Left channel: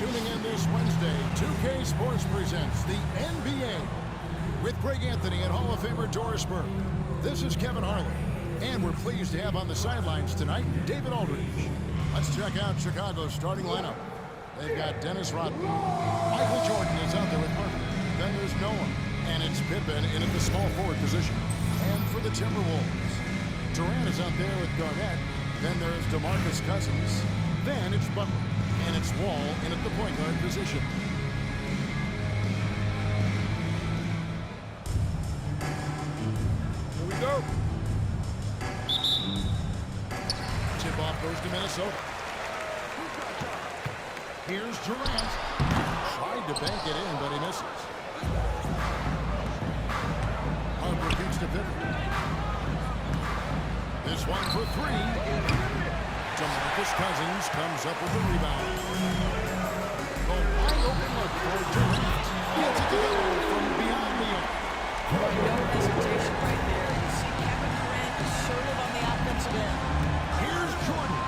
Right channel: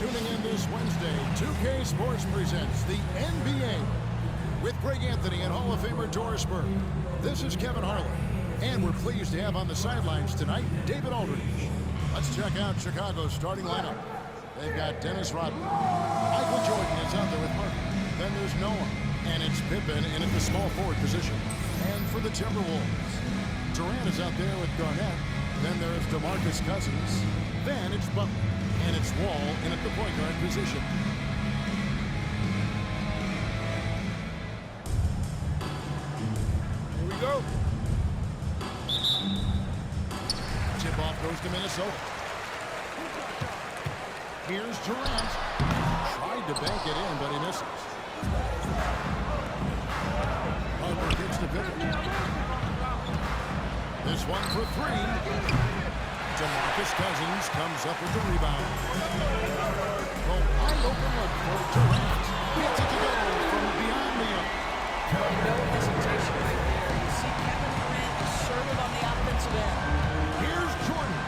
tuning in this Wednesday. 2K Sports presents the NBA with Greg Anthony and Hall of Famer Doris Burke. This is Kevin Harlan, and we're pleased to have on the sidelines tonight David Aldridge. Let's check out Chicago's starting lineup. They've got Dennis Rodman. Michael Jordan is out there with Harper. Then there's Noah, and it's Pippen in at the small forward position. And for the Timberwolves, Durant is out there with Garnett. Then there's DeMarcus Cousins. Then it's Butler, and it's Wall in at the point guard position. Here we go. Tip-off goes to Minnesota. Here's Durant. Tried to bank it in, but he misses. Harper kicks to Pippen. This one for three. DeMarcus Cousins comes up with the rebound. A wide open look for Durant. Gets it to go from beyond the arc. No hesitation right there. You see Kevin Durant assertive on the offensive end. Here's Jordan.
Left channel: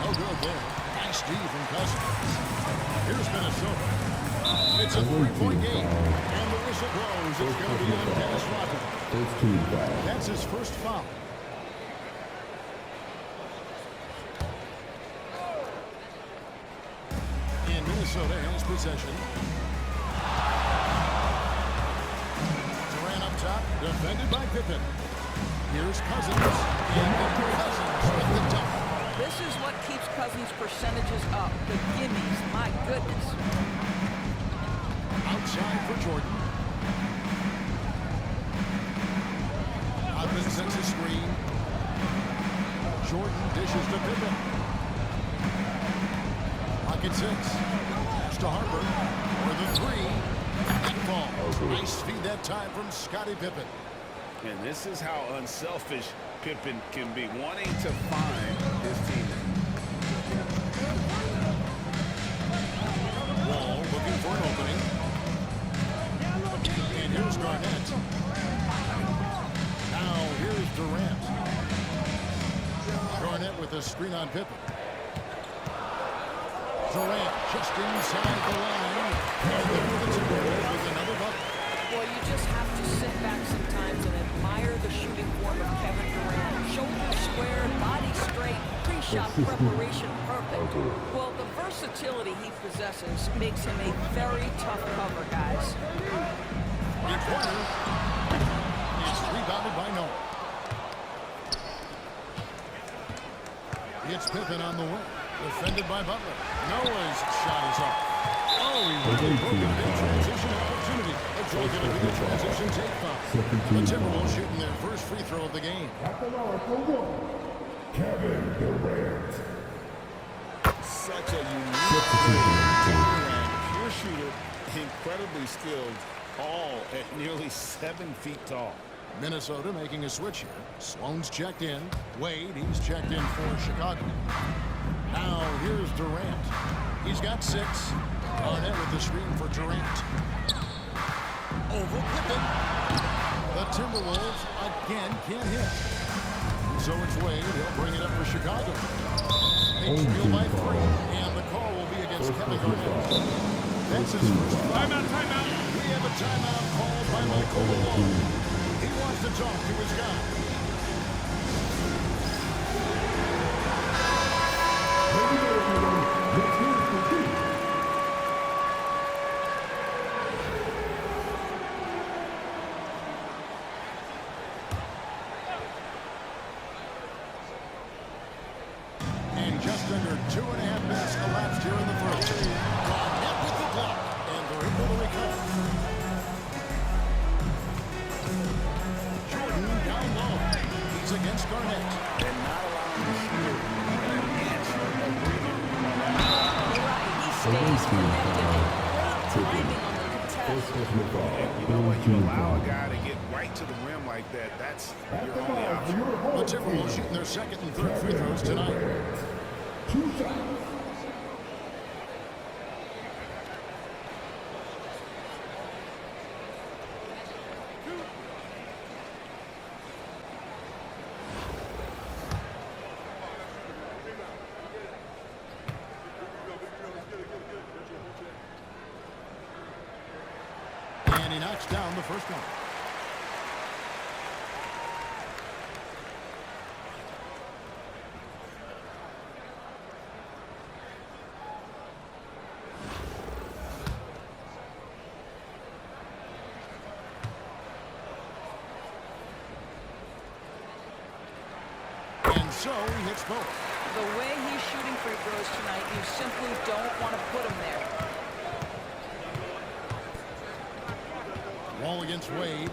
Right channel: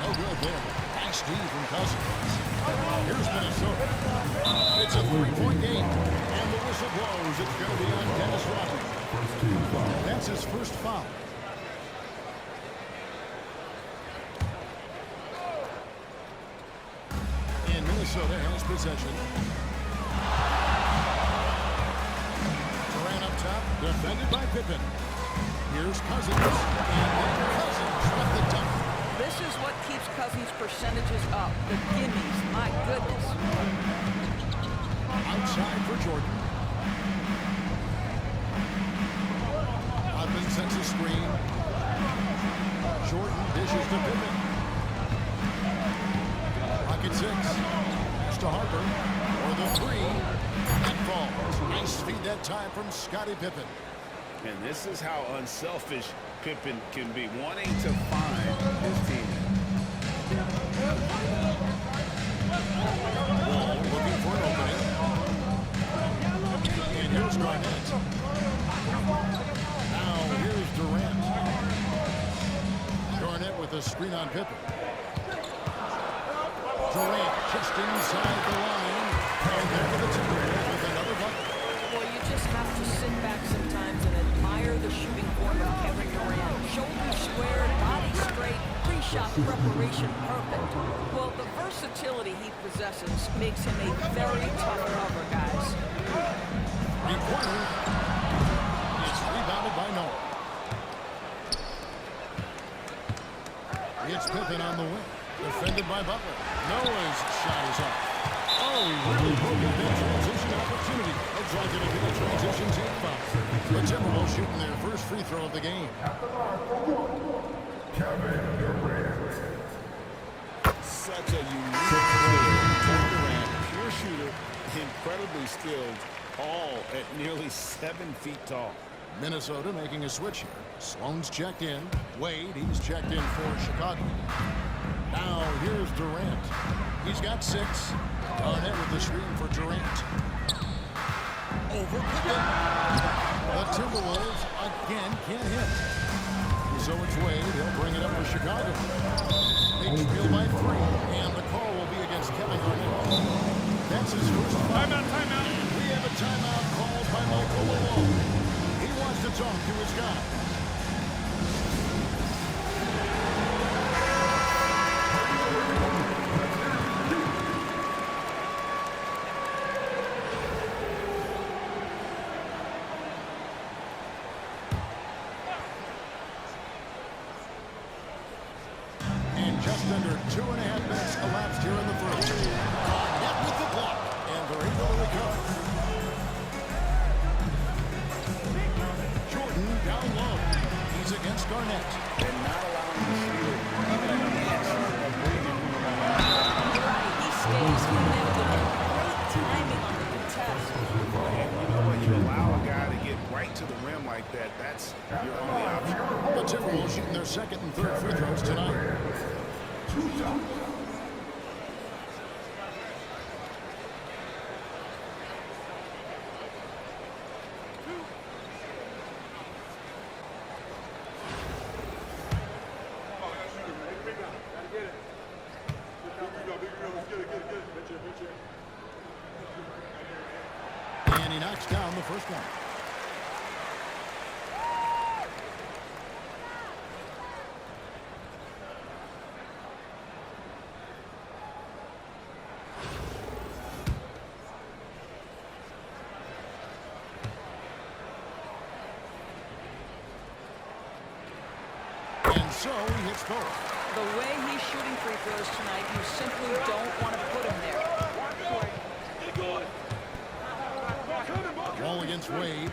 No good there. Nice D from Cousins. Here's Minnesota. It's a three-point game. And the whistle blows. It's going to be on Dennis Rodman. First team foul. That's his first foul. And Minnesota has possession. Durant up top, defended by Pippen. Here's Cousins, and then Cousins with the dunk. This is what keeps Cousins' percentages up. The gimmies, my goodness. Outside for Jordan. Rodman sends a screen. Jordan dishes to Pippen. Pocket six. Pass to Harper. For the three. That falls. Nice feed that time from Scottie Pippen. And this is how unselfish Pippen can be, wanting to find his teammate. Wall looking for an opening. And here's Garnett. Now here's Durant. Garnett with a screen on Pippen. Durant just inside the line. And there with the Timberwolves with another bucket. Well, you just have to sit back sometimes and admire the shooting form of Kevin Durant. Shoulders squared, body straight, pre-shot preparation perfect. Well, the versatility he possesses makes him a very tough cover, guys. Three-pointer. It's rebounded by Noah. It's Pippen on the wing. Defended by Butler. Noah's shot is off. Oh, he really broke up that transition opportunity. Looks like it'll be a transition take foul. The Timberwolves shooting their first free throw of the game. Kevin Durant. Such a unique player. Kevin Durant, pure shooter, incredibly skilled, all at nearly 7 feet tall. Minnesota making a switch here. Sloan's checked in. Wade, he's checked in for Chicago. Now here's Durant. He's got 6. Garnett with the screen for Durant. Over Pippen. The Timberwolves again can't hit. And so it's Wade. He'll bring it up for Chicago. They trail by 3, and the call will be against Kevin Garnett. That's his first foul. Timeout, timeout. And we have a timeout called by Michael Malone. He wants to talk to his guy. Just under 2.5 minutes elapsed here in the first. Garnett with the block, and they're able to recover. Jordan down low. He's against Garnett. And not allowing the shooter even an inch of breathing room on that. You're right. He stays connected and great timing on the contest. And you know what? You allow a guy to get right to the rim like that, that's your only option. The Timberwolves shooting their second and third free throws tonight. 2 shots. Get it. knocks down the first one. And so he hits both. The way he's shooting free throws tonight, you simply don't want to put him there. Wall against Wade.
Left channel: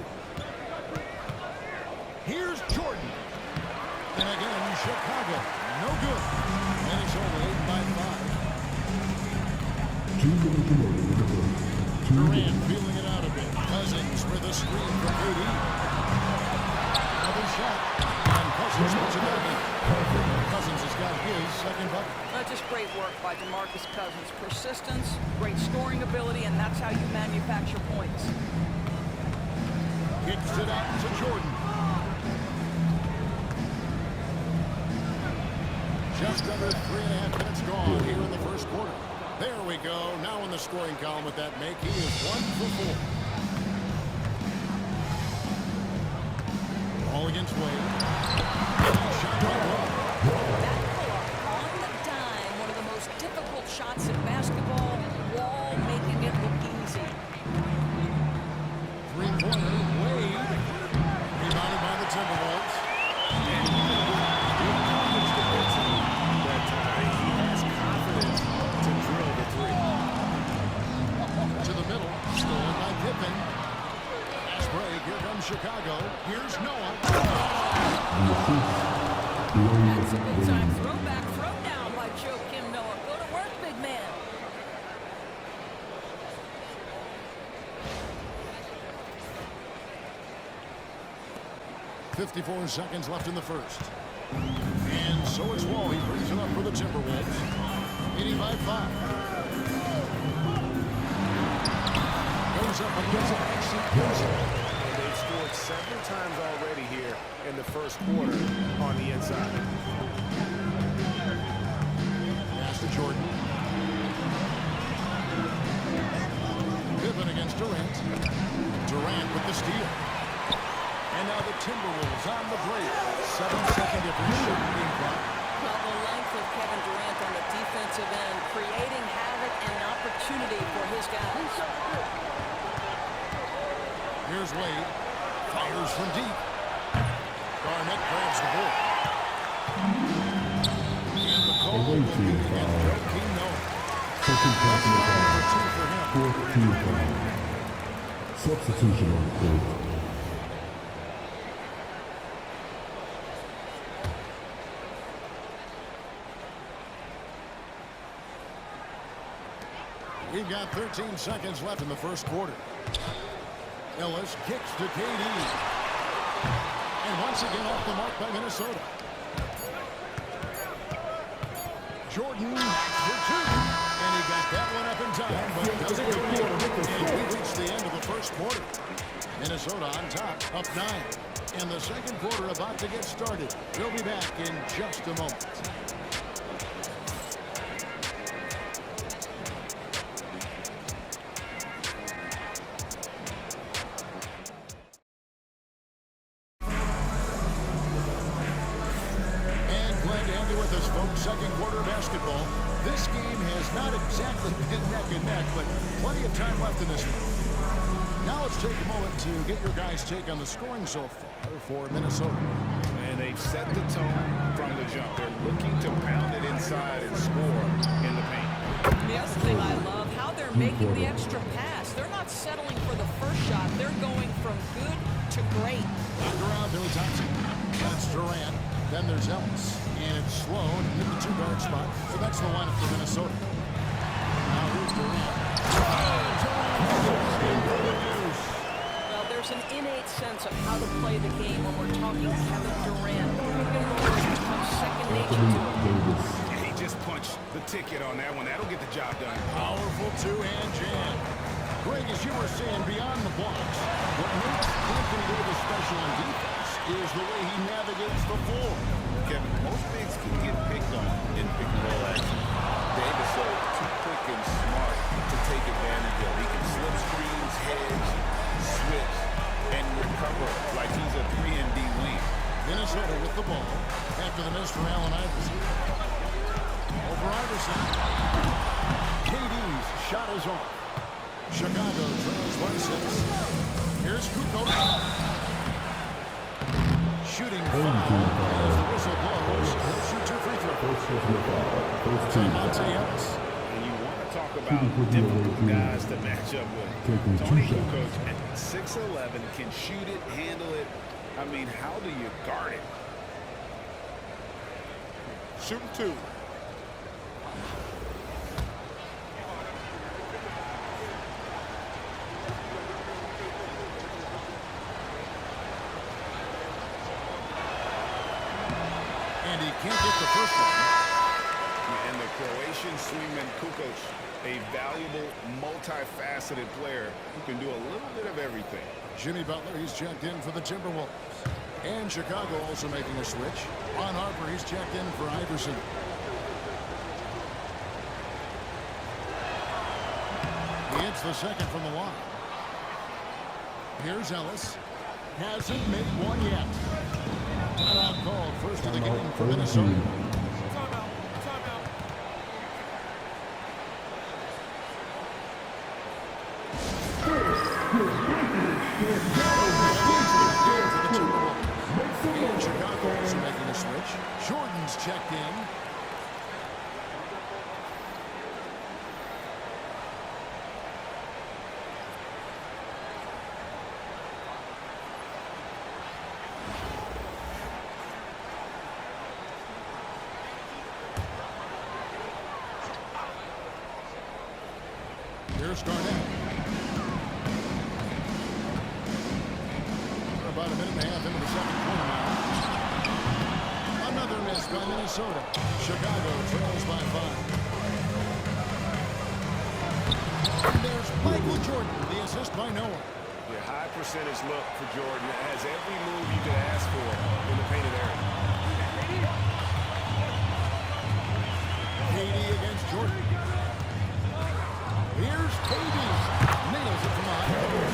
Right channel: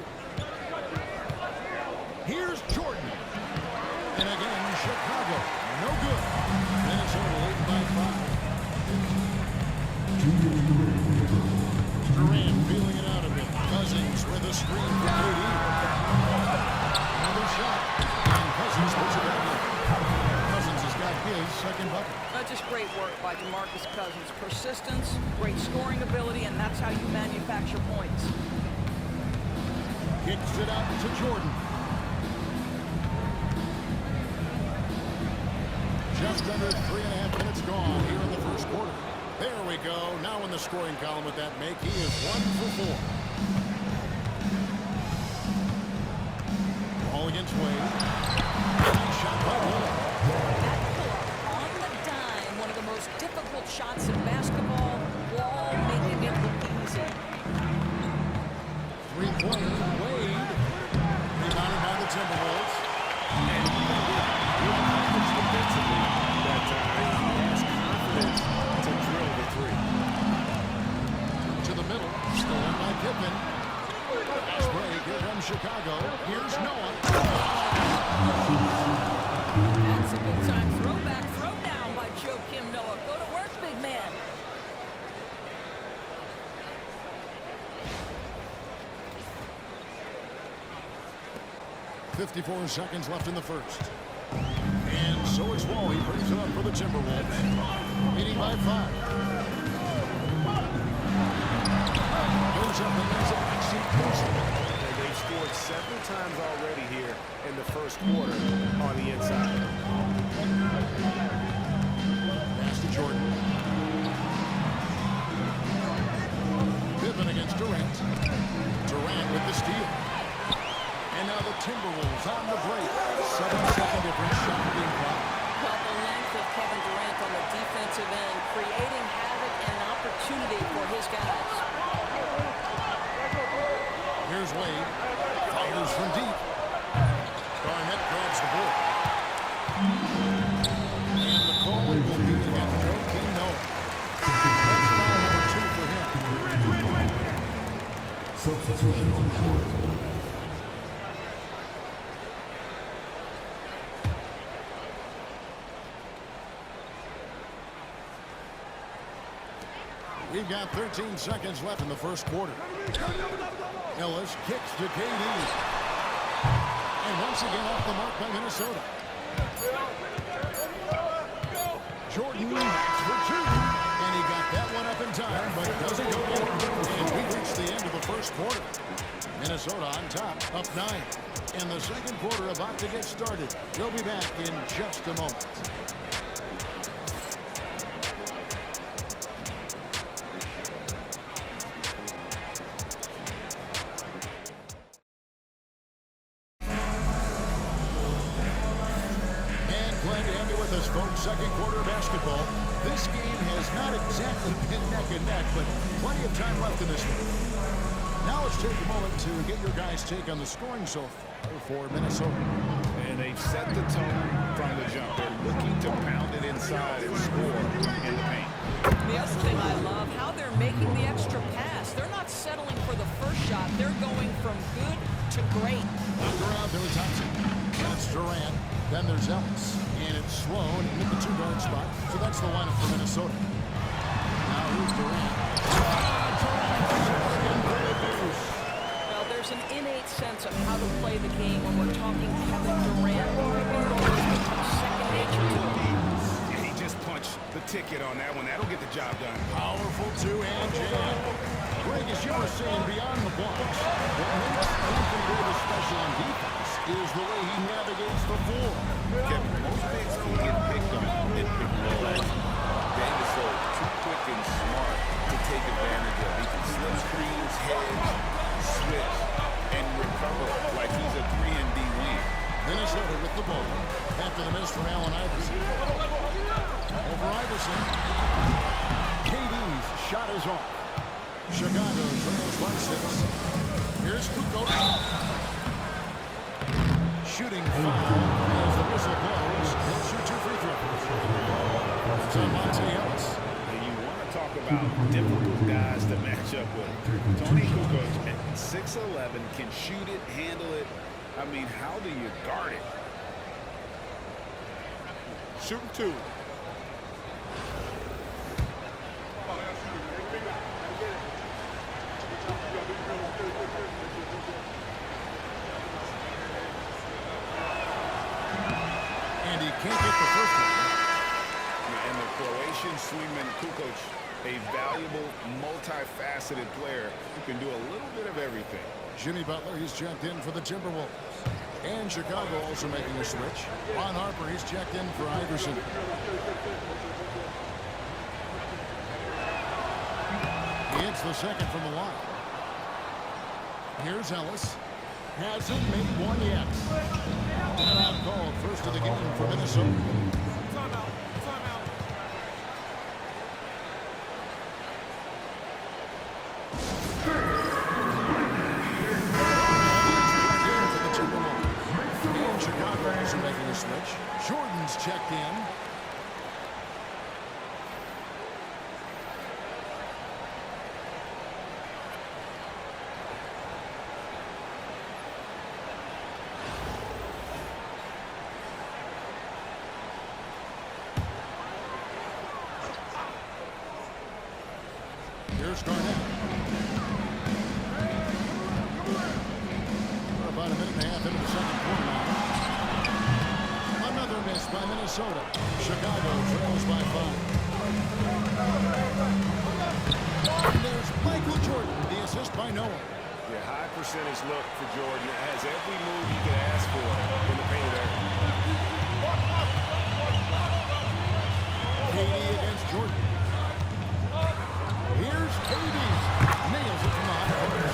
Here's Jordan. And again, Chicago. No good. Minnesota leading by 5. 2 minutes remaining in the first. Durant feeling it out a bit. Cousins with a screen for KD. Another shot. And Cousins puts it back in. Cousins has got his second bucket. That's just great work by DeMarcus Cousins. Persistence, great scoring ability, and that's how you manufacture points. Kicks it out to Jordan. Just under 3.5 minutes gone here in the first quarter. There we go. Now in the scoring column with that make, he is 1 for 4. Ball against Wade. Nice shot by Wall. That pull-up on the dime, one of the most difficult shots in basketball. Wall making it look easy. Three-pointer, Wade. Rebounded by the Timberwolves. And even with good coverage defensively that time, he has confidence to drill the three. To the middle, stolen by Pippen. Fast break, here comes Chicago. Here's Noah. That's a big-time throwback throwdown by Joakim Noah. Go to work, big man. .54 seconds left in the first. And so it's Wall. He brings it up for the Timberwolves. Leading by 5. Goes up and does it nice and easy. And they've scored several times already here in the first quarter on the inside. Pass to Jordan. Pippen against Durant. Durant with the steal. And now the Timberwolves on the break. 7-second difference, shot being clock. Well, the length of Kevin Durant on the defensive end, creating havoc and an opportunity for his guys. Here's Wade. Fires from deep. Garnett grabs the board. And the call will be against Joakim Noah. That's foul number 2 for him. Substitution on the court. We've got 13 seconds left in the first quarter. Ellis kicks to KD. And once again off the mark by Minnesota. Jordan backs for 2. And he got that one up in time, but doesn't go in. And we reached the end of the first quarter. Minnesota on top, up 9. And the second quarter about to get started. We'll be back in just a moment. Glad to have you with us, folks. Second quarter of basketball. This game has not exactly been neck and neck, but plenty of time left in this one. Now let's take a moment to get your guys' take on the scoring so far for Minnesota. And they've set the tone from the jump. They're looking to pound it inside and score in the paint. The other thing I love, how they're making the extra pass. They're not settling for the first shot. They're going from good to great. Knocked around, Billy Thompson. That's Durant. Then there's Ellis. And it's Sloan in at the 2-guard spot. So that's the lineup for Minnesota. Now here's Durant. Durant in for the deuce. Well, there's an innate sense of how to play the game when we're talking Kevin Durant. Pick and roll has become second nature to him. Yeah, he just punched the ticket on that one. That'll get the job done. Powerful two-hand jam. Greg, as you were saying, beyond the blocks, what makes Anthony Davis special on defense is the way he navigates the floor. Kevin, most bigs can get picked on in pick and roll action. Davis, though, too quick and smart to take advantage of. He can slip screens, hedge, switch and recover like he's a 3-and-D wing. Minnesota with the ball after the miss from Allen Iverson. Over Iverson. KD's shot is off. Chicago trails by 6. Here's Kukoc. Shooting foul as the whistle blows. He'll shoot 2 free throws. To Monte Ellis. And you want to talk about difficult guys to match up with. Tony Kukoc at 6'11" can shoot it, handle it. I mean, how do you guard it? Shooting 2. And he can't get the first one. And the Croatian swingman Kukoc, a valuable, multifaceted player who can do a little bit of everything. Jimmy Butler, he's checked in for the Timberwolves. And Chicago also making a switch. Ron Harper, he's checked in for Iverson. He hits the second from the line. Here's Ellis. Hasn't made one yet. Timeout called, first of the game for Minnesota. Timeout. Timeout. For the Timberwolves. And Chicago also making a switch. Jordan's checked in. Here's Garnett. We're about a minute and a half into the second quarter now. Another miss by Minnesota. Chicago trails by 5. And there's Michael Jordan, the assist by Noah. Yeah, high percentage look for Jordan. It has every move you could ask for in the painted area. KD against Jordan. Here's KD. Nails it from the high post.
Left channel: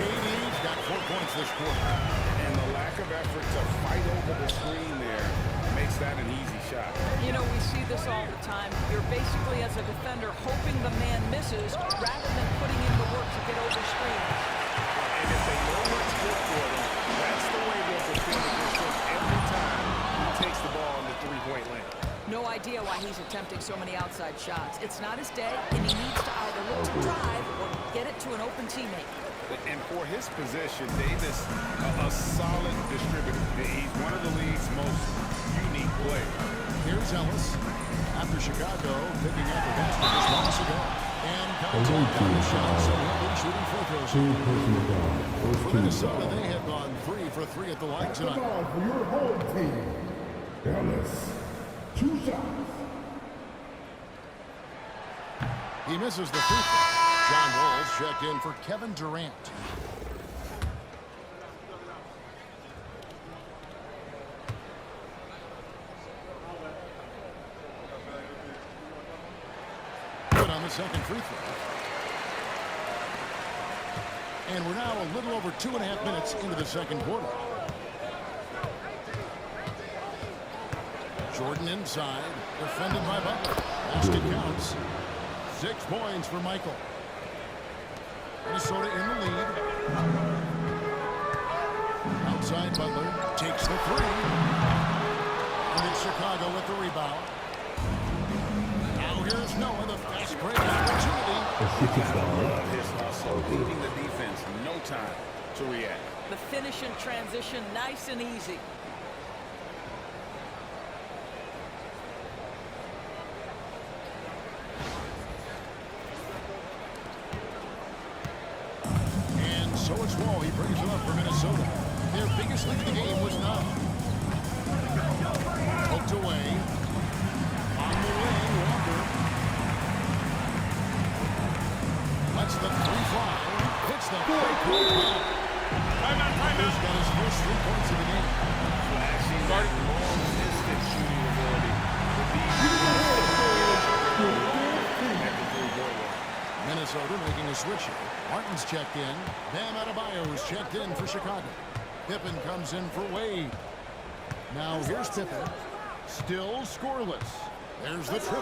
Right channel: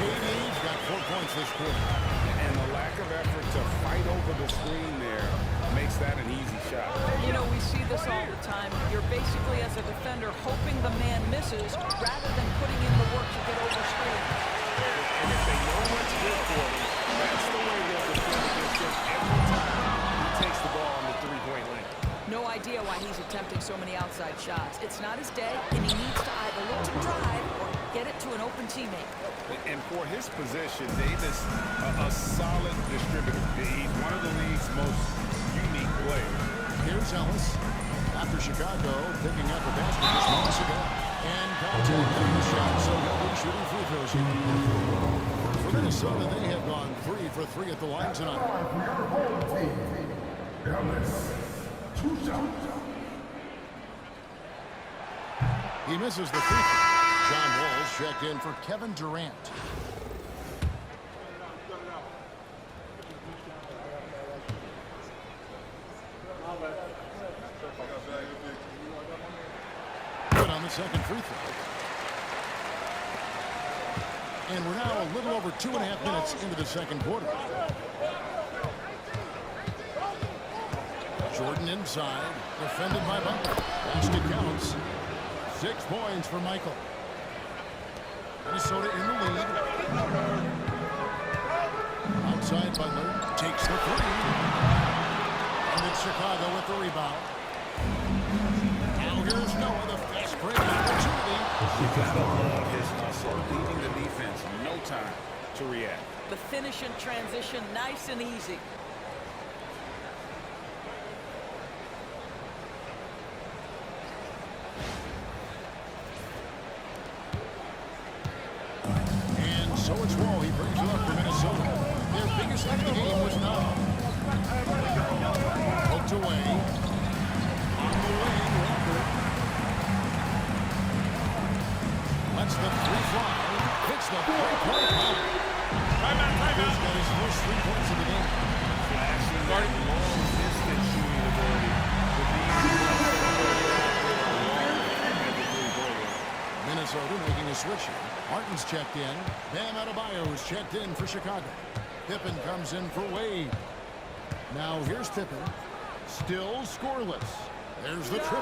KD's got 4 points this quarter. And the lack of effort to fight over the screen there makes that an easy shot. You know, we see this all the time. You're basically, as a defender, hoping the man misses rather than putting in the work to get over screens. And if they know what's good for them, that's the way they'll defend against him every time he takes the ball in the three-point lane. No idea why he's attempting so many outside shots. It's not his day, and he needs to either look to drive or get it to an open teammate. And for his position, Davis, a solid distributor. He's one of the league's most unique players. Here's Ellis. After Chicago picking up a basket just moments ago. And contact on the shot, so he'll be shooting free throws here. For Minnesota, they have gone 3 for 3 at the line tonight. For your home team, Ellis. 2 shots. He misses the free throw. John Wall's checked in for Kevin Durant. Good on the second free throw. And we're now a little over 2.5 minutes into the second quarter. Jordan inside, defended by Butler. Basket counts. 6 points for Michael. Minnesota in the lead. Outside Butler takes the 3. And it's Chicago with the rebound. Now here's Noah, the fast break opportunity. You gotta love his hustle, leaving the defense no time to react. The finish in transition, nice and easy. So it's Wall. He brings it up for Minnesota. Their biggest lead of the game was now. Poked away. On the wing, Walker. Lets the 3 fly. Hits the 3-point bomb. Timeout. He's got his first 3 points of the game. Flashing that long-distance shooting ability. But these get out there longer at the three-point line. Minnesota making a switch here. Martin's checked in. Bam Adebayo's checked in for Chicago. Pippen comes in for Wade. Now here's Pippen. Still scoreless. There's the triple.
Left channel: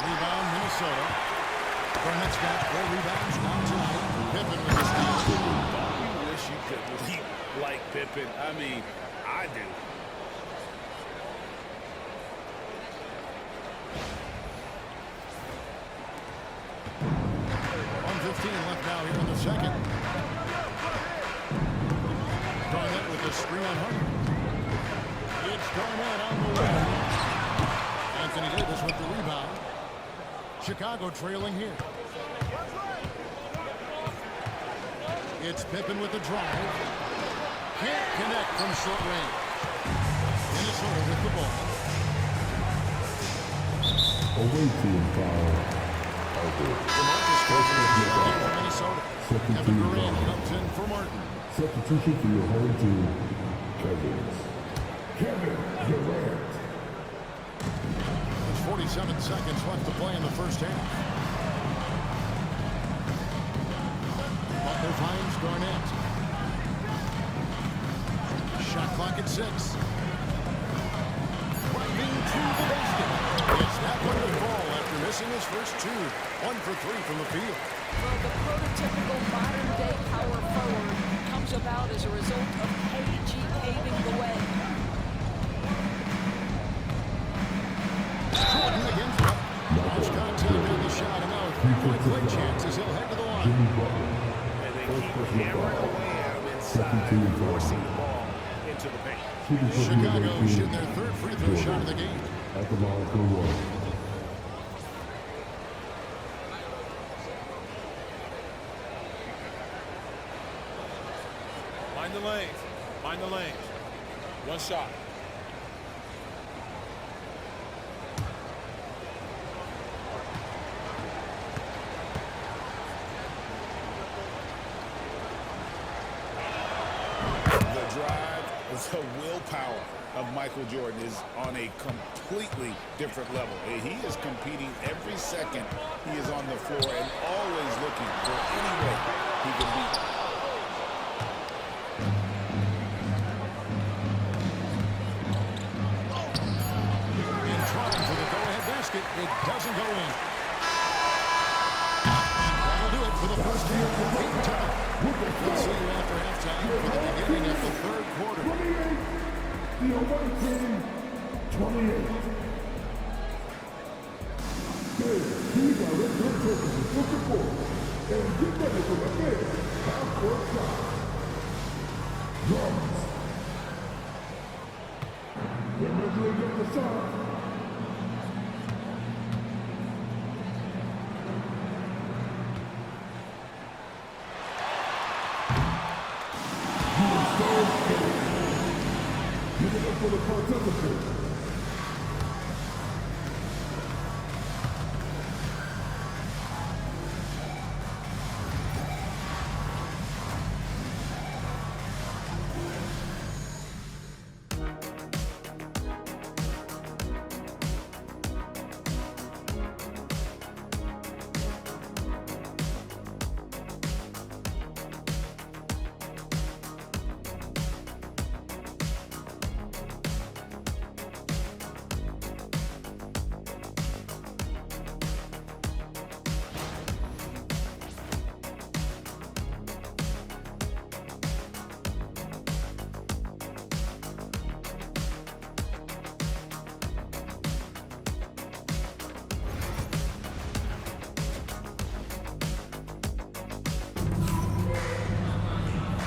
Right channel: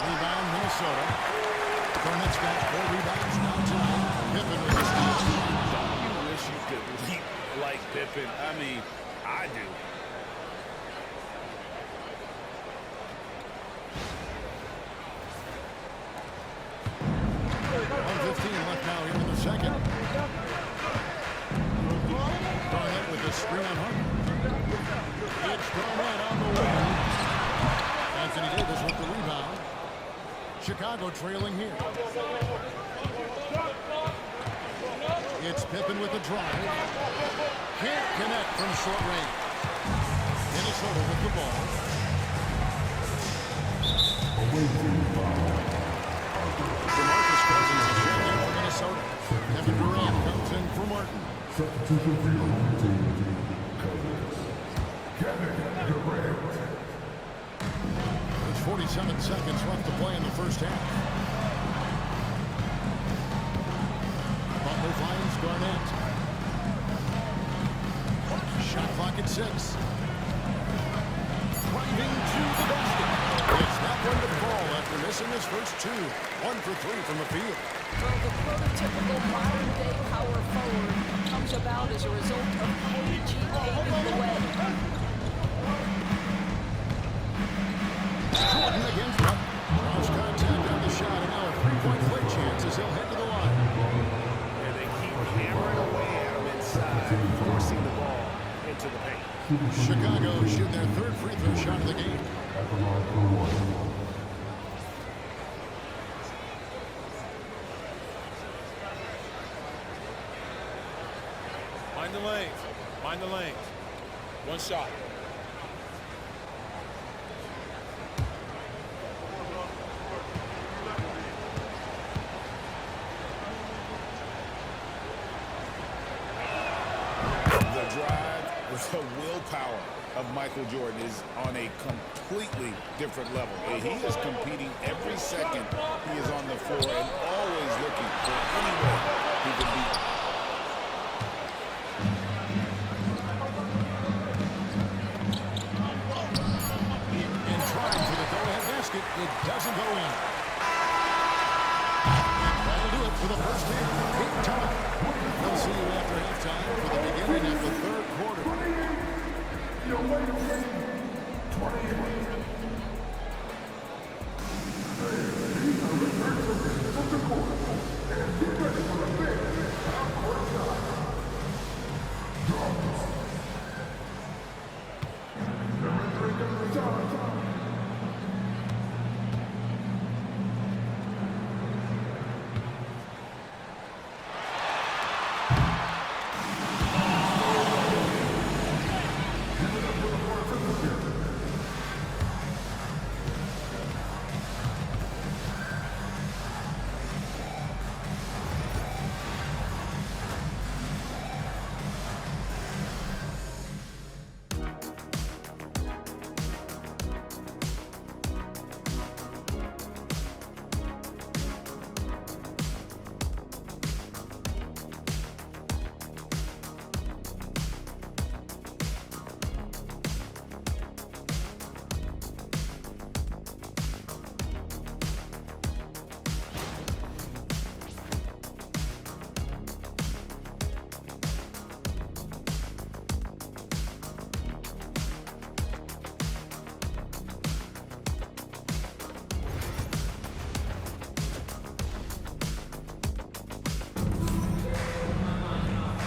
Rebound, Minnesota. Garnett's got 4 rebounds now tonight. Pippen with the steal. Don't you wish you could leap like Pippen? I mean, I do. Left now here in the second. Garnett with the screen on Harden. It's Garnett on the wing. Anthony Davis with the rebound. Chicago trailing here. It's Pippen with the drive. Can't connect from short range. Minnesota with the ball. Away team foul. DeMarcus Cousins is checked in for Minnesota. Kevin Durant comes in for Martin. Substitution for your home team, Cowboys. Kevin Durant. There's 47 seconds left to play in the first half. Butler finds Garnett. Shot clock at 6. Driving to the basket. It's that one to fall after missing his first 2. 1 for 3 from the field. Well, the prototypical modern-day power forward comes about as a result of KG paving the way. Jordan against him. Lost contact on the shot, and now a 3-point play chance as he'll head to the line. And they keep hammering away at him inside, forcing the ball into the paint. Chicago shooting their 3rd free throw shot of the game. At the line for 1. Mind the lanes. Mind the lanes. One shot. The drive, the willpower of Michael Jordan is on a completely different level. He is competing every second he is on the floor and always looking for any way he can beat. And trying for the go-ahead basket, it doesn't go in. And that'll do it for the first half. Game time. We'll see you after halftime for the beginning of the 3rd quarter. The away team, 28. These are return surfaces of the court. And get ready for the big half-court shot. Drums. They're measuring up the shot. Give it up for the participants.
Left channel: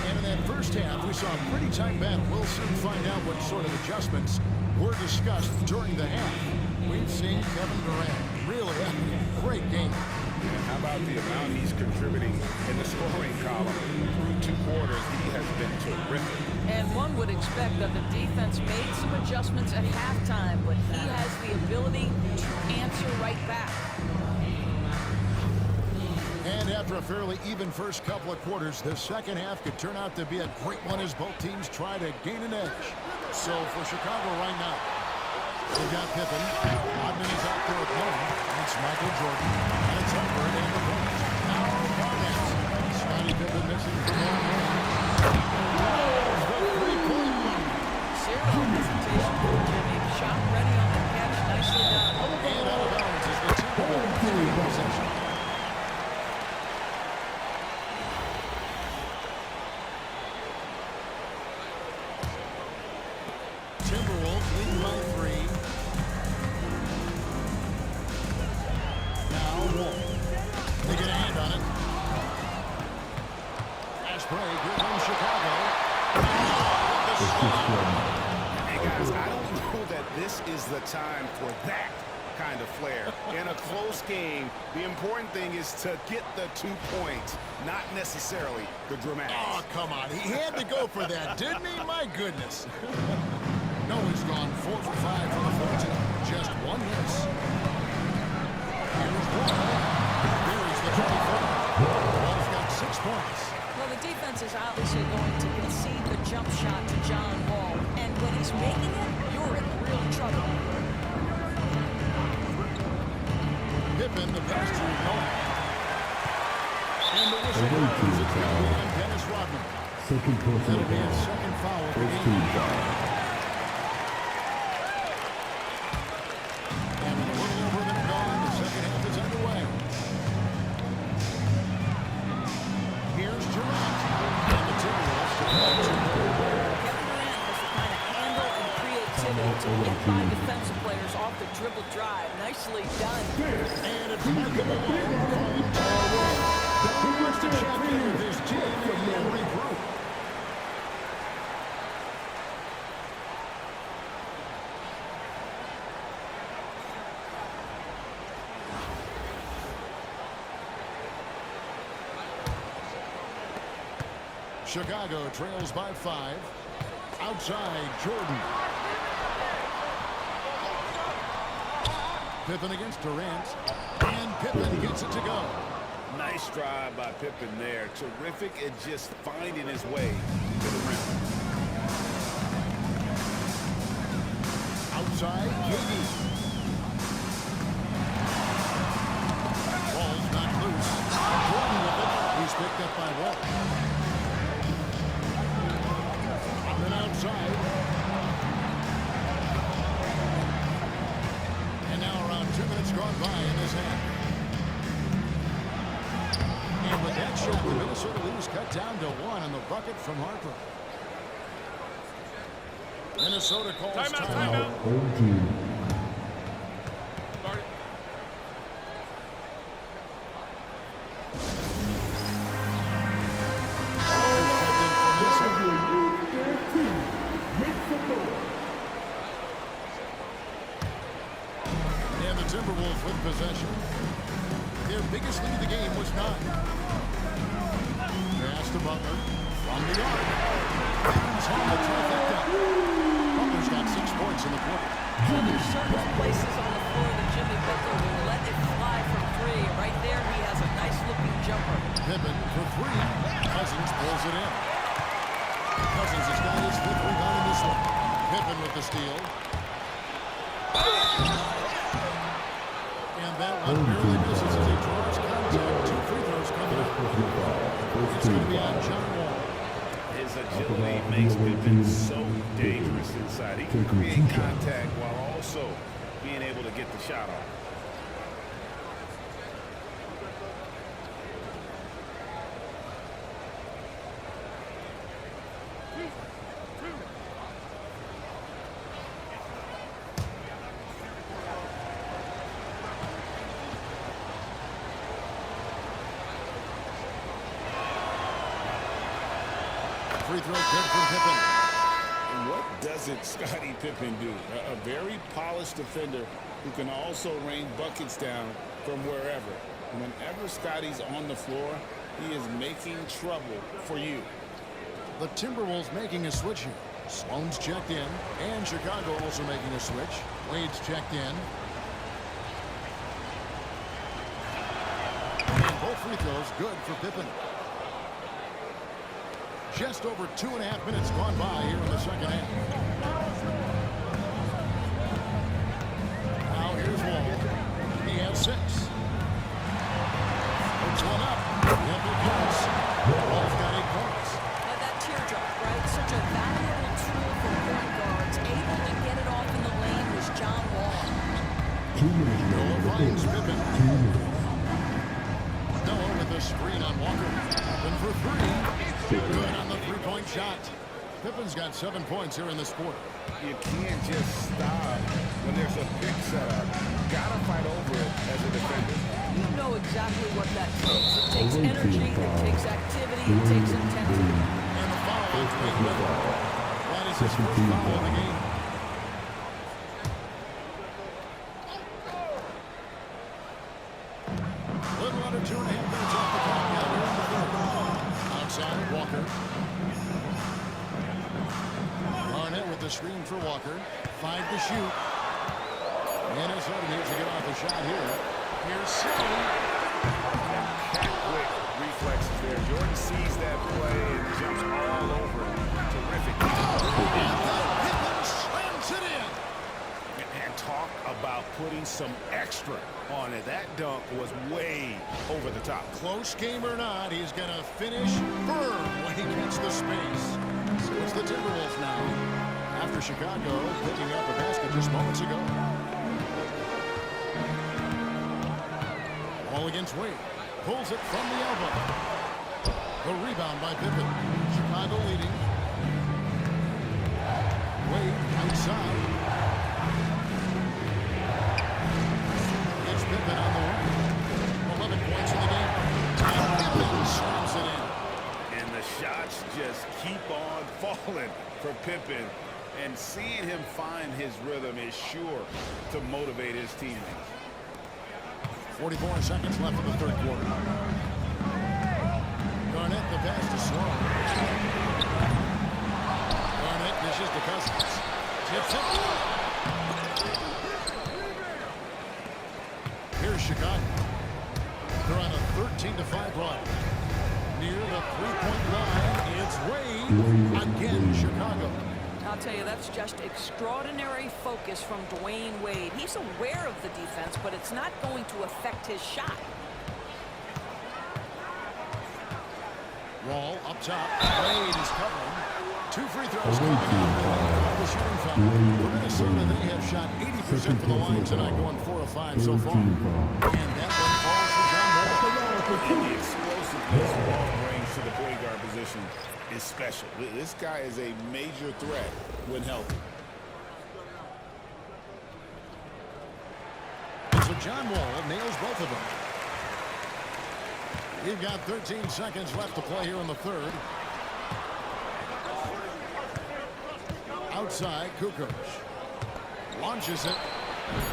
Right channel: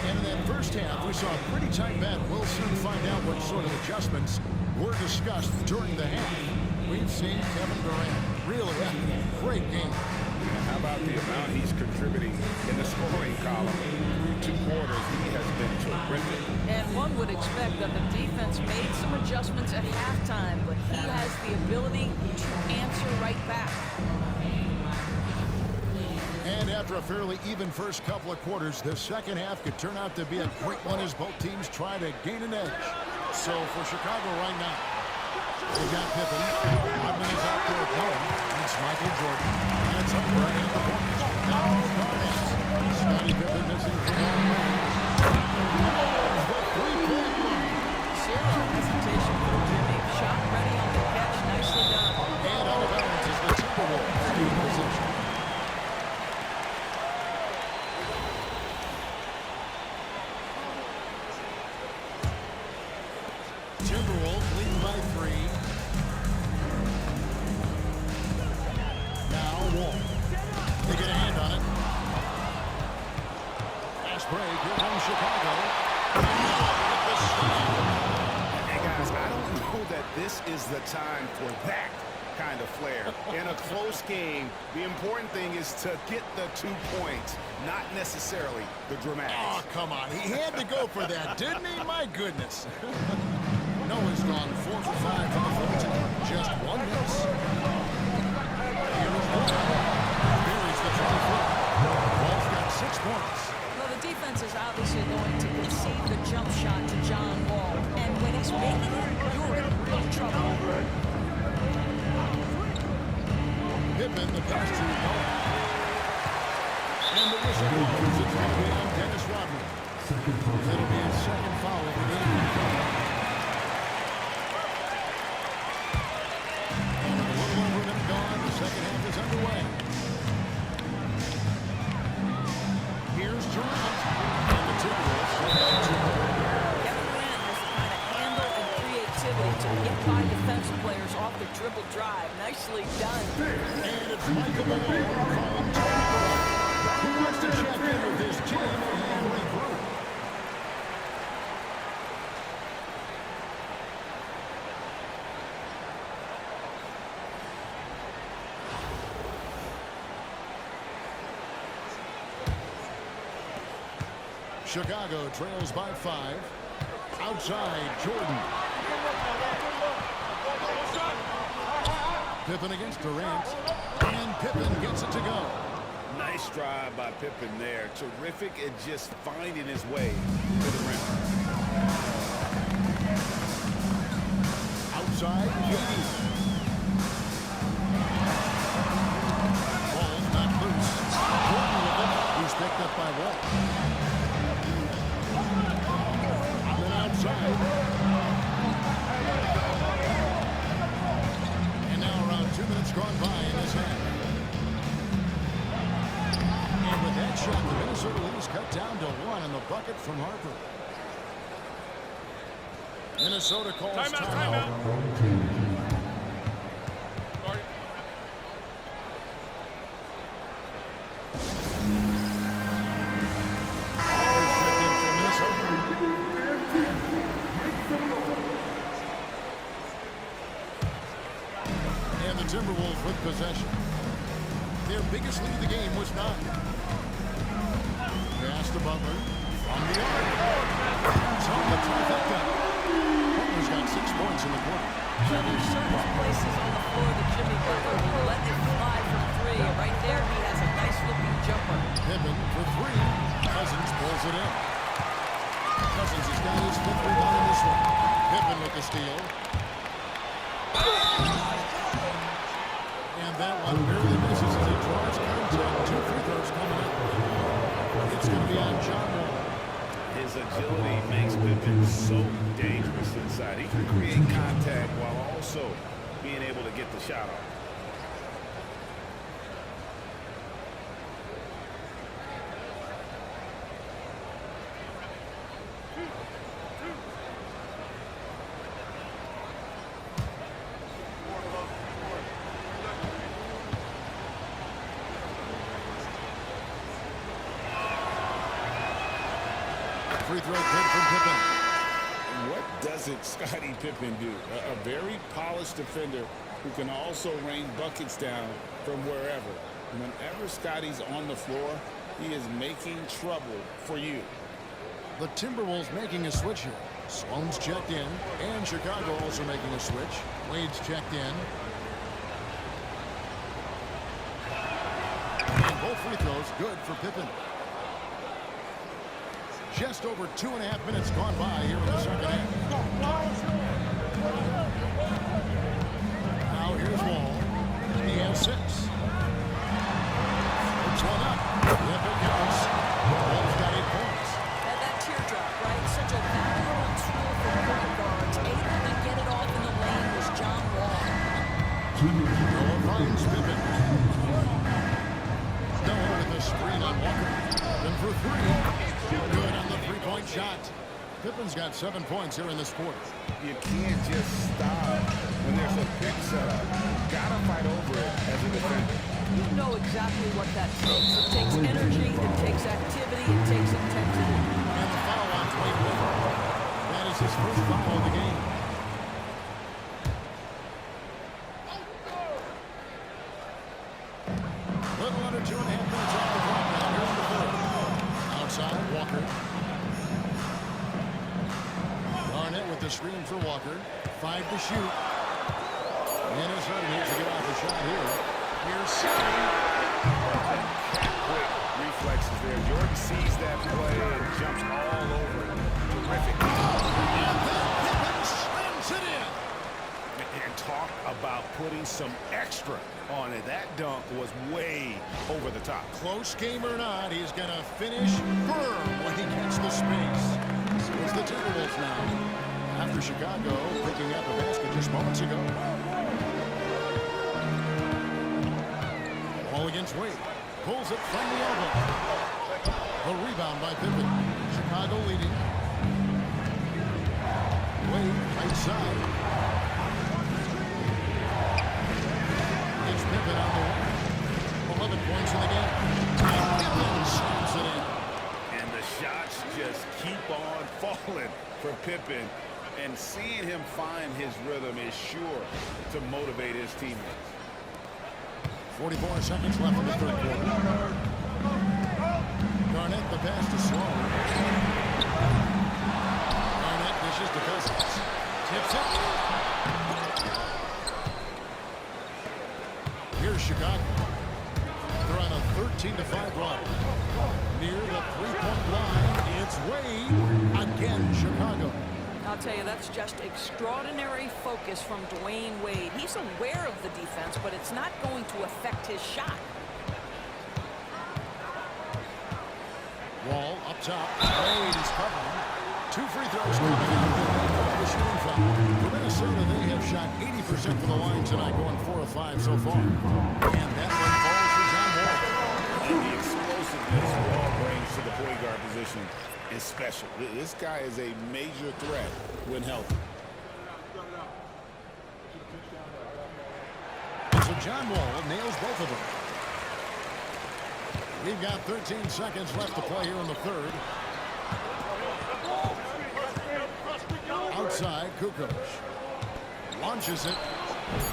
And in that first half, we saw a pretty tight battle. We'll soon find out what sort of adjustments were discussed during the half. We've seen Kevin Durant really having a great game. And how about the amount he's contributing in the scoring column? Through 2 quarters, he has been terrific. And one would expect that the defense made some adjustments at halftime, but he has the ability to answer right back. And after a fairly even first couple of quarters, the second half could turn out to be a great one as both teams try to gain an edge. So for Chicago right now, They've got Pippen. Rodman is out there with no one. And it's Michael Jordan. And it's Harper in at the point. Now Barnett. Scottie Pippen missing from long range. Loves the three-point line. Zero hesitation from Jimmy. Shot ready on the catch. Nicely done. And out of bounds is the Timberwolves in possession. Timberwolves leading by 3. Now Wall. They get a hand on it. Fast break. Here comes Chicago. With the slam. And guys, I don't know that this is the time for that kind of flair. In a close game, the important thing is to get the 2 points, not necessarily the dramatics. Oh, come on. He had to go for that, didn't he? My goodness. Noah's gone 4 for 5 from the floor tonight. Just one miss. Here's Wall. Buries the 20-footer. Wall's got 6 points. Well, the defense is obviously going to concede the jump shot to John Wall. And when he's making it, you're in real trouble. Pippen, the pass to Noah. And the whistle blows. It's going to be on Dennis Rodman. That'll be his second foul of the game. And with a little over a minute gone, the second half is underway. Here's Durant. And the Timberwolves shut by 2 more. Kevin Durant has the kind of handle and creativity to get by defensive players off the dribble drive. Nicely done. And it's Michael Malone calling time. He wants to check in with his team and regroup. Chicago trails by 5. Outside, Jordan. Pippen against Durant. And Pippen gets it to go. Nice drive by Pippen there. Terrific at just finding his way to the rim. Outside, KD. Ball's not loose. Jordan with it. He's picked up by Wall. And then outside. And now around 2 minutes gone by in this half. And with that shot, the Minnesota lead is cut down to 1 on the bucket from Harper. Minnesota calls timeout. Start it. Checked in for Minnesota. And the Timberwolves with possession. Their biggest lead of the game was 9. Pass to Butler from the arc. Hands on the trifecta. Butler's got 6 points in the quarter. So there's certain places on the floor that Jimmy Butler will let it fly from 3. Right there, he has a nice-looking jumper. Pippen for 3. Cousins pulls it in. Cousins has got his 5th rebound in this one. Pippen with the steal. And that one barely misses as he draws contact. 2 free throws coming up. It's going to be on John Wall. His agility makes Pippen so dangerous inside. He can create contact while also being able to get the shot off. Free throw good from Pippen. And what doesn't Scottie Pippen do? A very polished defender who can also rain buckets down from wherever. Whenever Scottie's on the floor, he is making trouble for you. The Timberwolves making a switch here. Sloan's checked in, and Chicago also making a switch. Wade's checked in. And both free throws good for Pippen. Just over 2.5 minutes gone by here in the second half. Here's Wall. He has 6. Floats one up. Yep, it counts. Wall's got 8 points. That teardrop, right? Such a valuable tool for point guards. Able to get it off in the lane was John Wall. Noah finds Pippen. Noah with a screen on Walker. Pippen for 3. Good on the 3-point shot. Pippen's got 7 points here in this quarter. You can't just stop when there's a pick set up. Gotta fight over it as a defender. You know exactly what that takes. It takes energy, it takes activity, it takes intensity. And the foul on Dwayne Wade. That is his first foul of the game. Little under 2.5 minutes off the clock now here in the third. Outside, Walker. Garnett with the screen for Walker. 5 to shoot. Minnesota needs to get off a shot here. Here's Stone. And cat-quick reflexes there. Jordan sees that play and jumps all over it. Terrific. And then Pippen slams it in. And talk about putting some extra on it. That dunk was way over the top. Close game or not, he's going to finish firm when he gets the space. So it's the Timberwolves now. After Chicago picking up a basket just moments ago. Ball against Wade. Pulls it from the elbow. A rebound by Pippen. Chicago leading. Wade, right side. It's Pippen on the wing. 11 points in the game. And Pippen slams it in. And the shots just keep on falling for Pippen. And seeing him find his rhythm is sure to motivate his teammates. 44 seconds left in the third quarter. Garnett, the pass to Sloan. Garnett dishes to Cousins. Tips it. Here's Chicago. They're on a 13-5 run. Near the 3-point line, it's Wade. Again, Chicago. I'll tell you, that's just extraordinary focus from Dwayne Wade. He's aware of the defense, but it's not going to affect his shot. Wall up top. Wade is covering. 2 free throws coming up, and they call the shooting foul. For Minnesota, they have shot 80% from the line tonight, going 4 of 5 so far. And that one falls for John Wall. And the explosiveness Wall brings to the point guard position is special. This guy is a major threat when healthy. So John Wall nails both of them. We've got 13 seconds left to play here in the third. Outside, Kukoc launches it.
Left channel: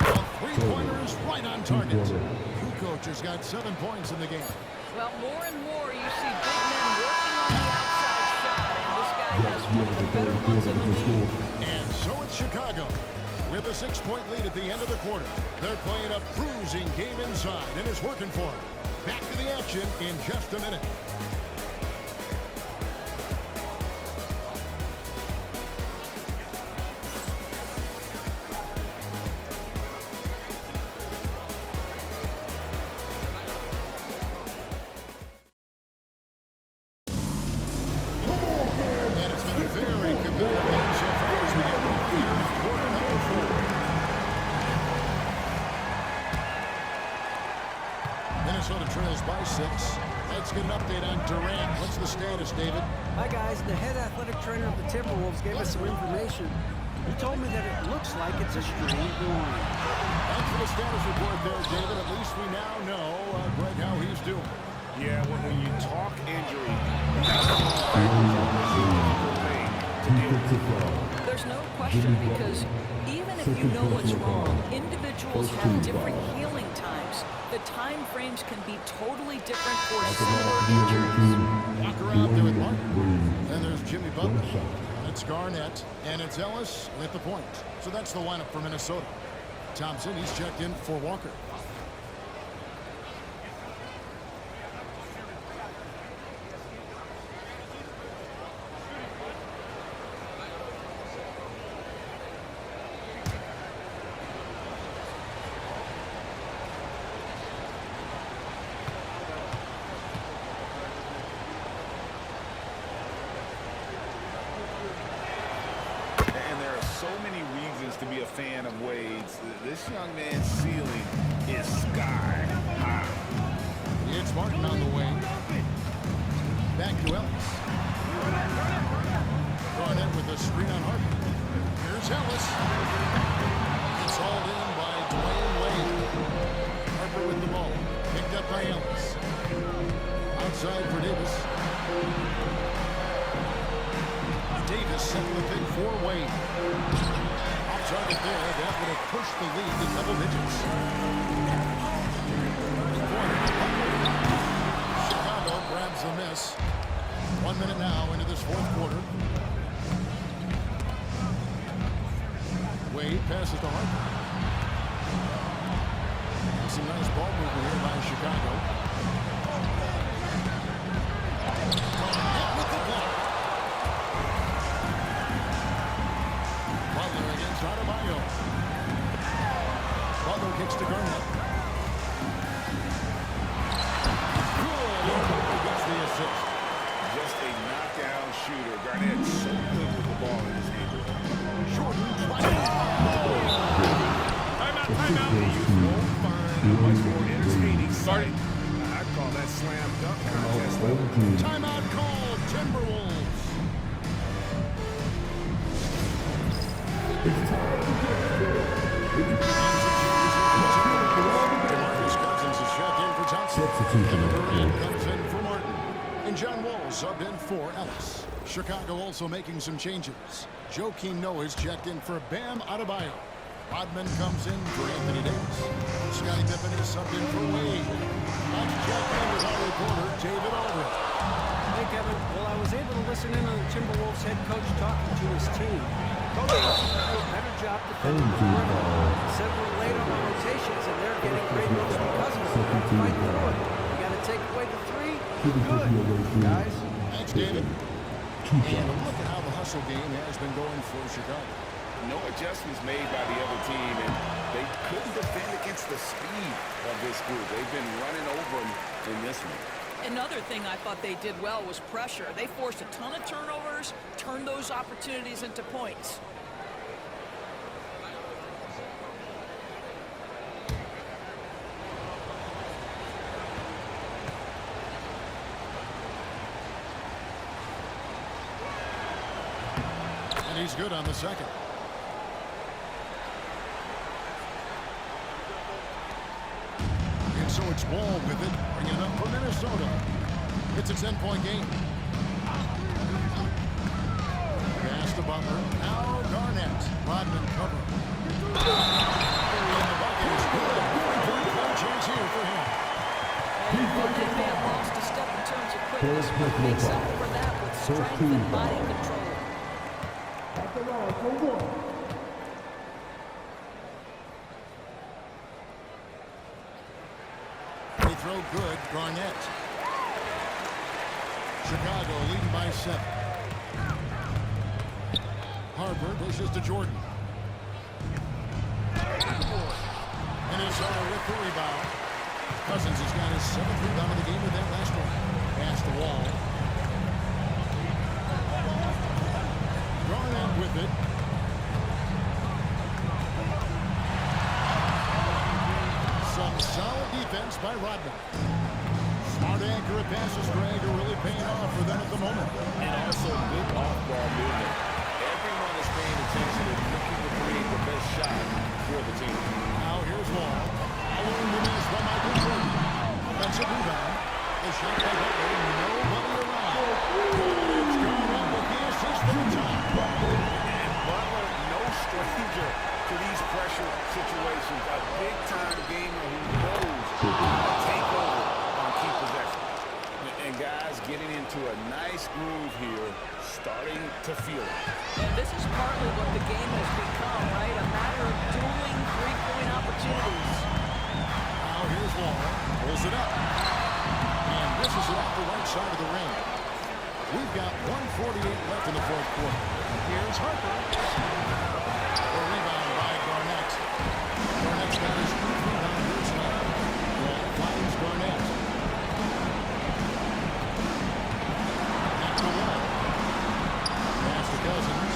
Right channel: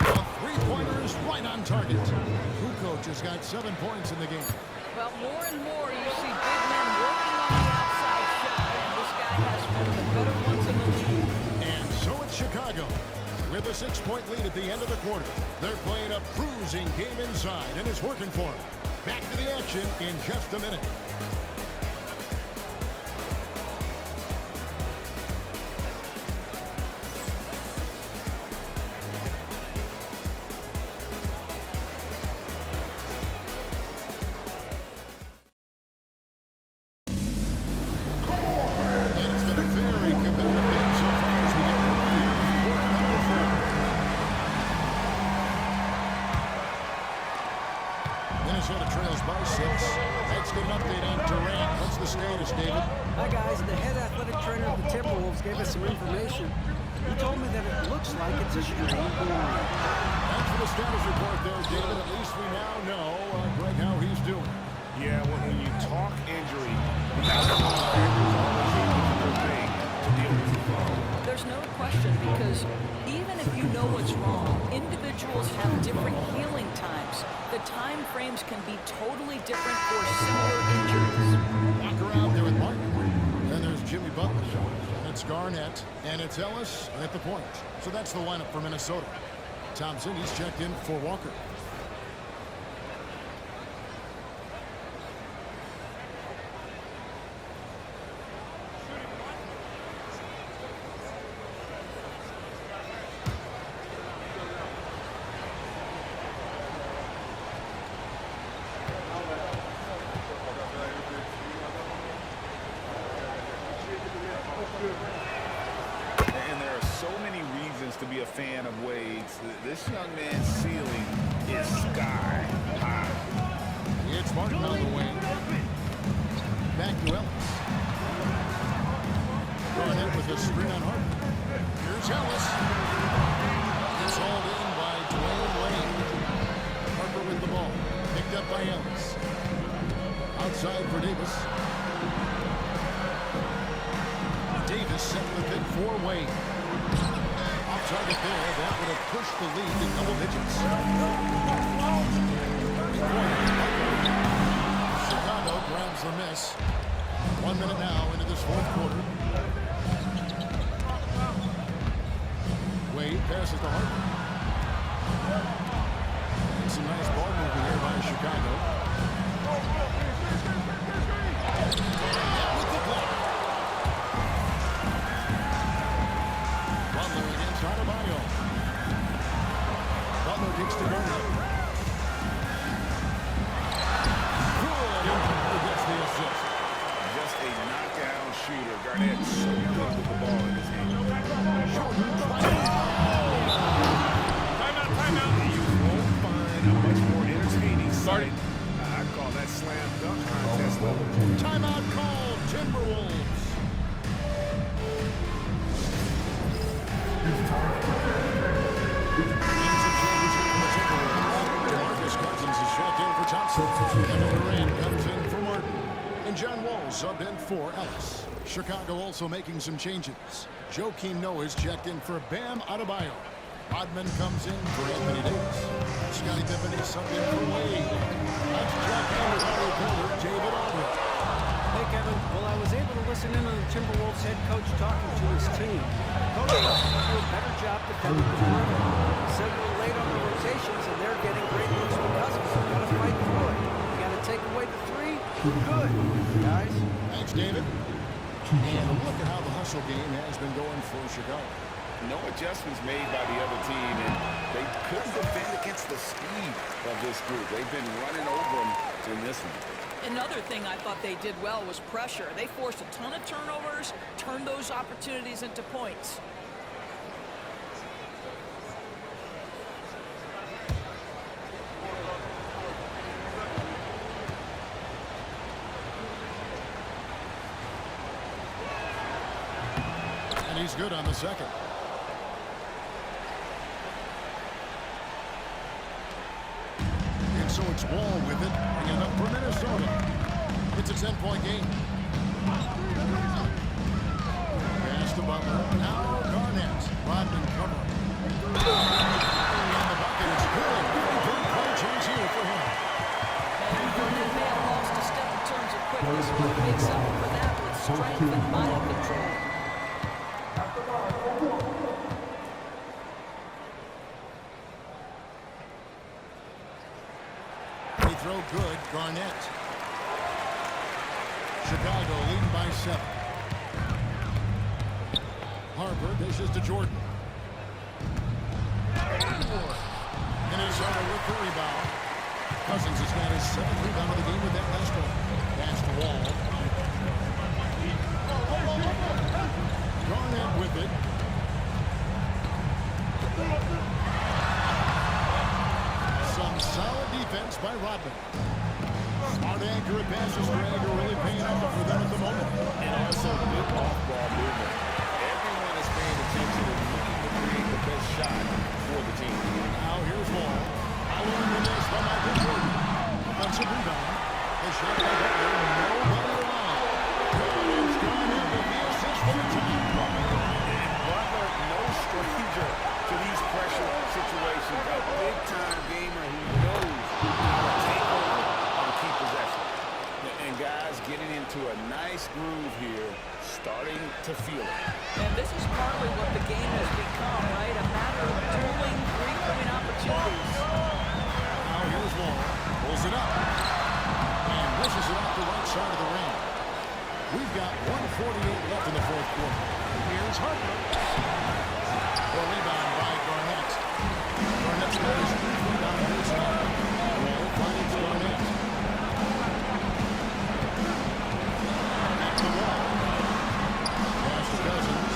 A three-pointer is right on target. Kukoc has got 7 points in the game. Well, more and more you see big men working on the outside shot, and this guy has one of the better ones in the league. And so it's Chicago with a 6-point lead at the end of the quarter. They're playing a bruising game inside, and it's working for them. Back to the action in just a minute. And it's been a very competitive game so far as we get rolling here in quarter number 4. Minnesota trails by 6. Let's get an update on Durant. What's the status, David? Hi, guys. The head athletic trainer of the Timberwolves gave us some information. He told me that it looks like it's a strained groin. Thanks for the status report there, David. At least we now know, Greg, how he's doing. Yeah, when you talk injury, the outcome factor is always a difficult thing to deal with. There's no question, because even if you know what's wrong, individuals have different healing times. The time frames can be totally different for similar injuries. Walker out there with Martin. Then there's Jimmy Butler. And it's Garnett. And it's Ellis at the point. So that's the lineup for Minnesota. Thompson, he's checked in for Walker. so many reasons to be a fan of Wade's. This young man's ceiling is sky high. It's Martin on the wing. Back to Ellis. Garnett with a screen on Harper. Here's Ellis. It's hauled in by Dwayne Wade. Harper with the ball. Picked up by Ellis. Outside for Davis. Davis set the pick for Wade. Off target there. That would have pushed the lead to double digits. Chicago grabs the miss. 1 minute now into this fourth quarter. Wade passes to Harper. And some nice ball movement here by Chicago. Garnett with the block. Butler against Adebayo. Butler kicks to Garnett. Good, and Butler gets the assist. Just a knockdown shooter. Garnett so good with the ball in his hand. Jordan Timeout. You won't find a much more entertaining sight. I call that slam dunk contest level. timeout called. Timberwolves. DeMarcus Cousins is checked in for Thompson. Kevin Durant comes in for Martin. And John Wall subbed in for Ellis. Chicago also making some changes. Joakim Noah is checked in for Bam Adebayo. Rodman comes in for Anthony Davis. Scottie Pippen is subbed in for Wade. Let's check in with our reporter, David Aldridge. Hey, Kevin. Well, I was able to listen in on the Timberwolves head coach talking to his team. Coach wants to do a better job defending the perimeter. He said we're late on our rotations, and they're getting great looks because of it. We've got to fight through it. We got to take away the three. We're good, guys. Thanks, David. And a look at how the hustle game has been going for Chicago. No adjustments made by the other team, and they couldn't defend against the speed of this group. They've been running over them in this one. Another thing I thought they did well was pressure. They forced a ton of turnovers, turned those opportunities into points. And he's good on the second. And so it's Wall with it, bringing it up for Minnesota. It's a 10-point game. Pass to Butler. Now Garnett. Rodman covering. And the bucket is good. 3-point play chance here for him. And Garnett may have lost a step in terms of quickness, but makes up for that with strength and body control. They throw good. Garnett. Chicago leading by 7. Harper dishes to Jordan. Minnesota with the rebound. Cousins has got his 7th rebound of the game with that last one. Pass to Wall. Garnett with it. Some solid defense by Rodman. Smart, accurate passes, Greg, are really paying off for them at the moment. And also good off-ball movement. Everyone is paying attention and looking to create the best shot for the team. Now here's Wall. Following the miss by Michael Jordan. Offensive rebound. The shot by Butler. Nobody around. Good. It's Garnett with the assist for the time. And Butler, no stranger to these pressure situations. A big-time gamer who knows how to take over on key possession. And guys getting into a nice groove here, starting to feel it. And this is partly what the game has become, right? A matter of dueling three-point opportunities. Now here's Wall. Pulls it up. And wishes it off the right side of the rim. We've got 1:48 left in the fourth quarter. Here's Harper. A rebound by Garnett. Garnett's got his 8th rebound here tonight. Wall finds Garnett. Back to Wall. Pass to Cousins.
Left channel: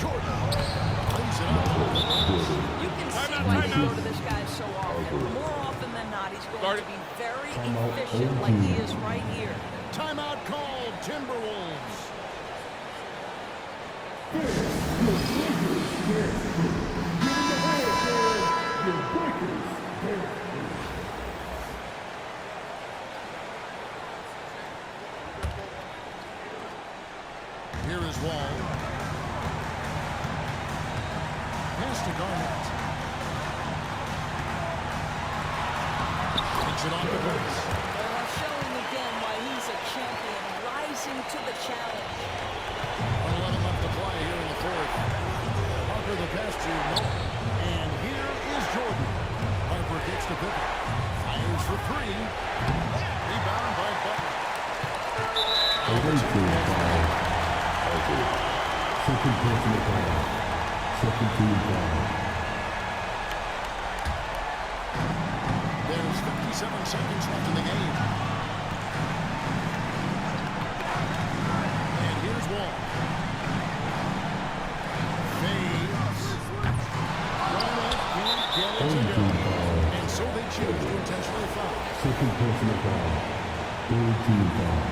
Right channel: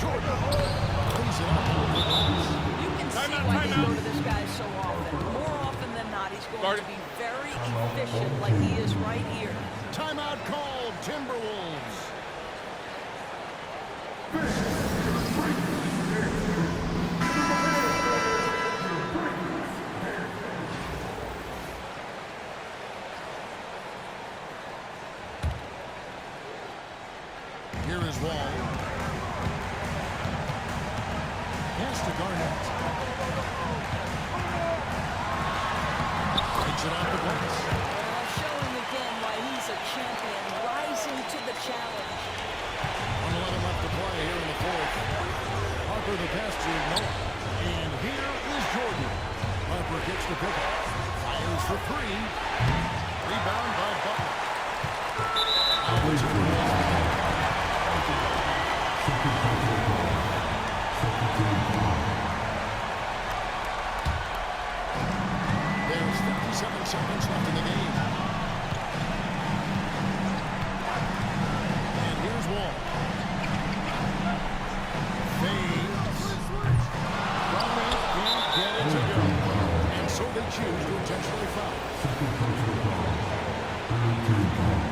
Jordan lays it up on the glass. You can see why they go to this guy so often. More often than not, he's going to be very efficient like he is right here. Timeout called, Timberwolves. Here is Wall. Pass to Garnett. Takes it off the glass. Well, showing again why he's a champion, rising to the challenge. 1:11 left to play here in the fourth. Harper the pass to Noah. And here is Jordan. Harper kicks to Pippen. Fires for three. Rebound by Butler. Now the Timberwolves for him. Second personal foul. Second team foul. There's 57 seconds left in the game. And here's Wall. Fades. Garnett can't get it to go. And so they choose to intentionally foul. Second personal foul. Third team foul.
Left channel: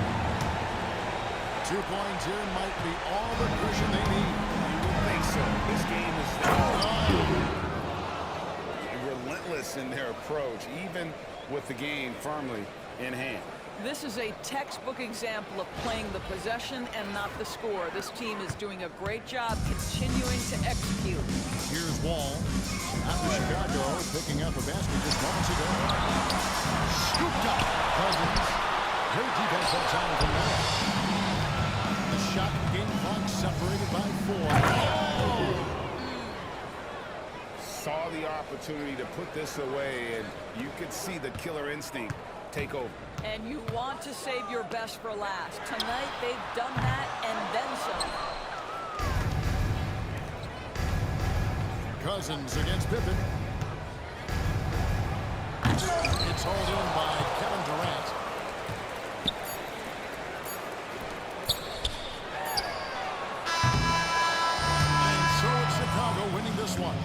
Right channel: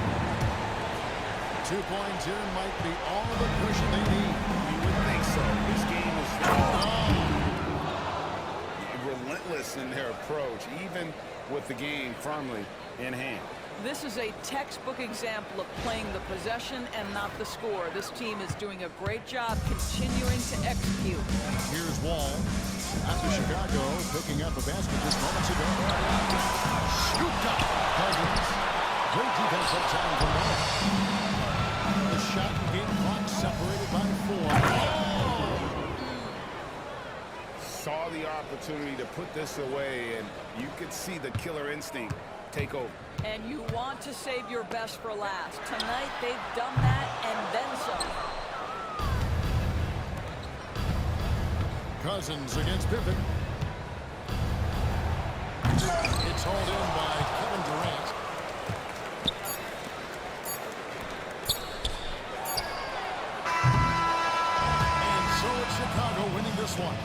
2 points here might be all the cushion they need. You would think so. This game is relentless in their approach, even with the game firmly in hand. This is a textbook example of playing the possession and not the score. This team is doing a great job continuing to execute. Here's Wall. After Chicago picking up a basket just moments ago. Scooped up. Cousins. Great defensive time from Noah. The shot and game clock separated by 4. Oh! Saw the opportunity to put this away, and you could see the killer instinct take over. And you want to save your best for last. Tonight, they've done that and then some. Cousins against Pippen. It's hauled in by Kevin Durant. And so it's Chicago winning this one.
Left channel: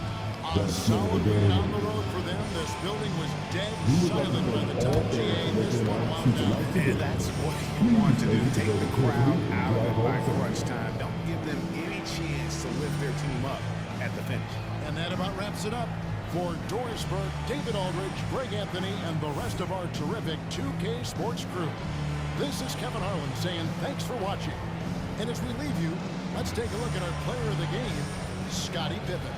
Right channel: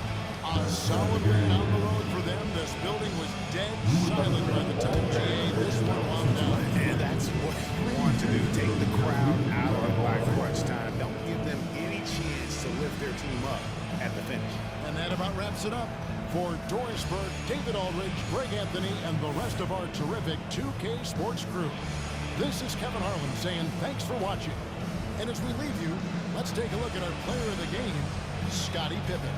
A solid win on the road for them. This building was dead silent by the time GA this one wound down. And that's what you want to do. Take the crowd out of it by crunch time. Don't give them any chance to lift their team up at the finish. And that about wraps it up. For Doris Burke, David Aldridge, Greg Anthony, and the rest of our terrific 2K Sports crew, this is Kevin Harlan saying thanks for watching. And as we leave you, let's take a look at our player of the game, Scottie Pippen.